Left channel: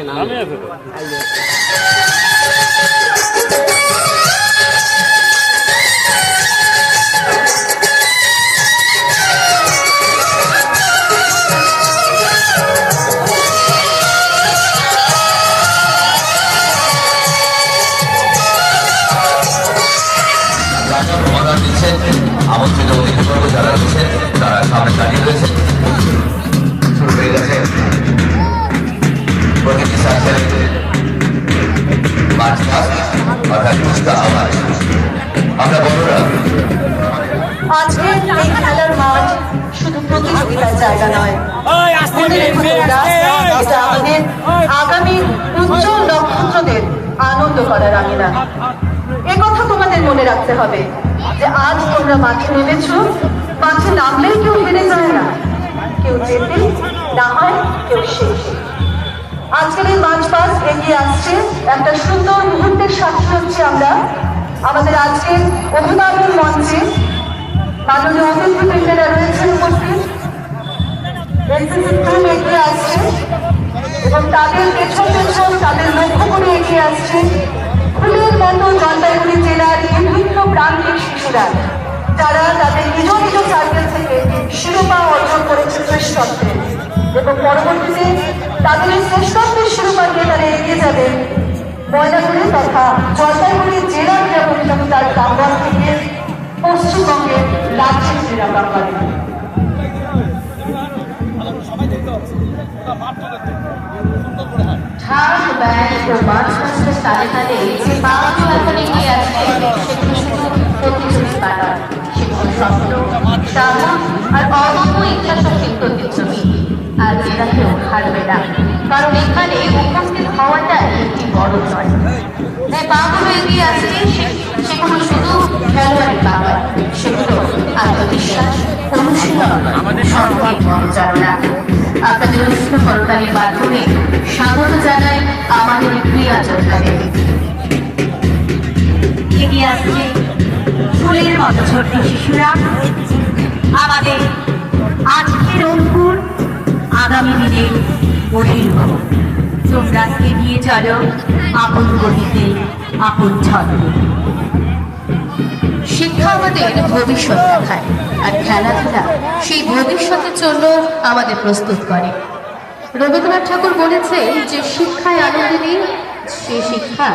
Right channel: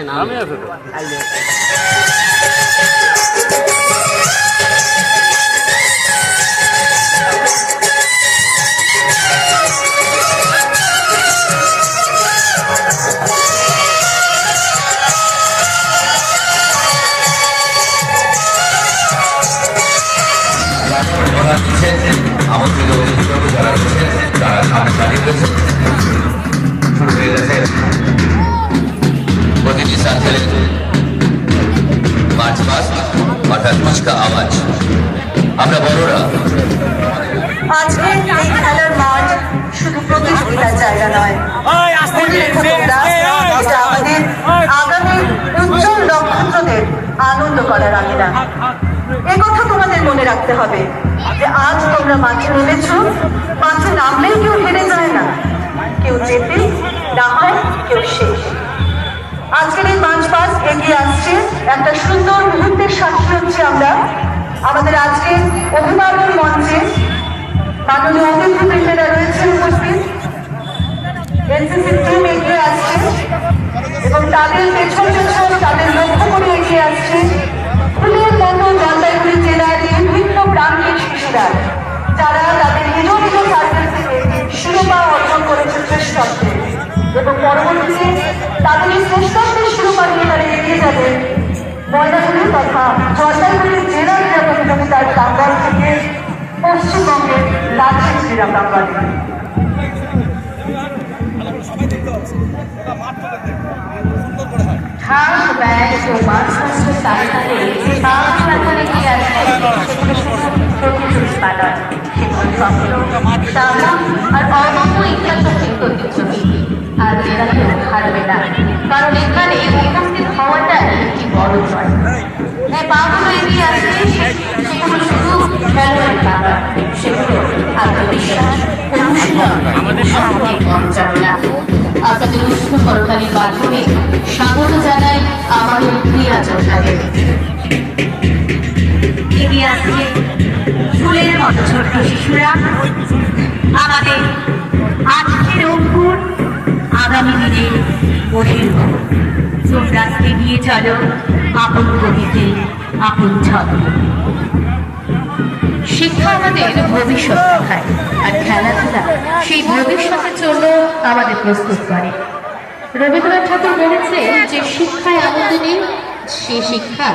আছে নামে আছে তো আমন্ত্রিত অতিথিবর্গ যারা রয়েছেন তারা সামনে দাঁড়িয়ে রয়েছেন। শুরু হয়ে গেছে প্রতিটি সাইকেলে মার্চ পাস্ট অর্থাৎ কুচকা আওয়াজ। আমরা বড়রা আজকের এই খেলার মাঠ শুধু প্রতিযোগিতার জায়গা নয়, আমাদের আগামী উজ্জ্বল নক্ষত্রদের আনন্দ করার আঙুলা। এ কথা তোমাদের মনে রাখতে হবে যে আজ তোমরা মাঠে নেমেছ, মাঠে নামলেই কেউ হেরে যায় না, কেউ জেতে না হয় কেউ শেষ। আজকের এই মার্চ পাস এগিয়ে আসছে একটা সুন্দর মুহূর্তের সাক্ষী হচ্ছে আমরা। আমাদের আজকের অভিভাবক মঞ্চে মাননীয় অতিথিবৃন্দেরা রয়েছে উপস্থিত, এনসিসি টিম এগিয়ে আসছে এবং তাদের পেছন পেছন তাদের লক্ষ্য করে এগিয়ে আসছে ফুলের মতো জলপাইগুড়ি জেলার বিভিন্ন প্রান্তিক শিশুরা, যারা তাদের নিজ নিজ সাইকেল থেকে শিরোপা অর্জন করেছে শ্রেষ্ঠত্বে এবং পরবর্তীতে তাদের শ্রেষ্ঠত্বের শিরোপা নিয়ে তারা এগিয়ে যাবেন ময়নাগুড়ি তথা জলপাইগুড়ি জেলার এবং তার কাঙ্গাল থেকে পশ্চিমবঙ্গের রাজ্যের ক্রীড়া কাঙ্গালে। ঘাস, ব্যাগ ও মাছ মাছের তালে তালে যে বাঘ এখন এগিয়ে আসছে সেগুলো শুধু প্রতিযোগিতা নয়, সেগুলো আর অর্থ ইতিহাসের প্রতিযোগী। আর এরা কেউ হারবে না, কারণ এখানে উপস্থিত হওয়াটাই একটি বড় জয়। যে বাঘ এগিয়ে আসছে সেগুলো শুধু খেলোয়াড়ের ব্যাপার, সেগুলো আত্মবিশ্বাস, অনুশীলন, সম্মান পরিচালনা। আপনাদের উষ্ণ করতালির মাধ্যমে স্বাগত জানাই আমাদের ক্রীড়া যোদ্ধাদের। এগিয়ে আসছে ফুলের মতো ছোট্ট শিশুরা, আমাদের আজকের অঙ্কুর, আগামী দিনের বহির্ভূত। তোমরা এগিয়ে চলো আপন গতিতে, আপন ছন্দে। শিক্ষা আমাদের ভবিষ্যৎ দেখায়, আর খেলাধুলা সেই ভবিষ্যতের জন্য আমাদের প্রস্তুত করে। রবীন্দ্রনাথ ঠাকুর বলেছেন যে শিক্ষায় আনন্দ নেই, সে শিক্ষা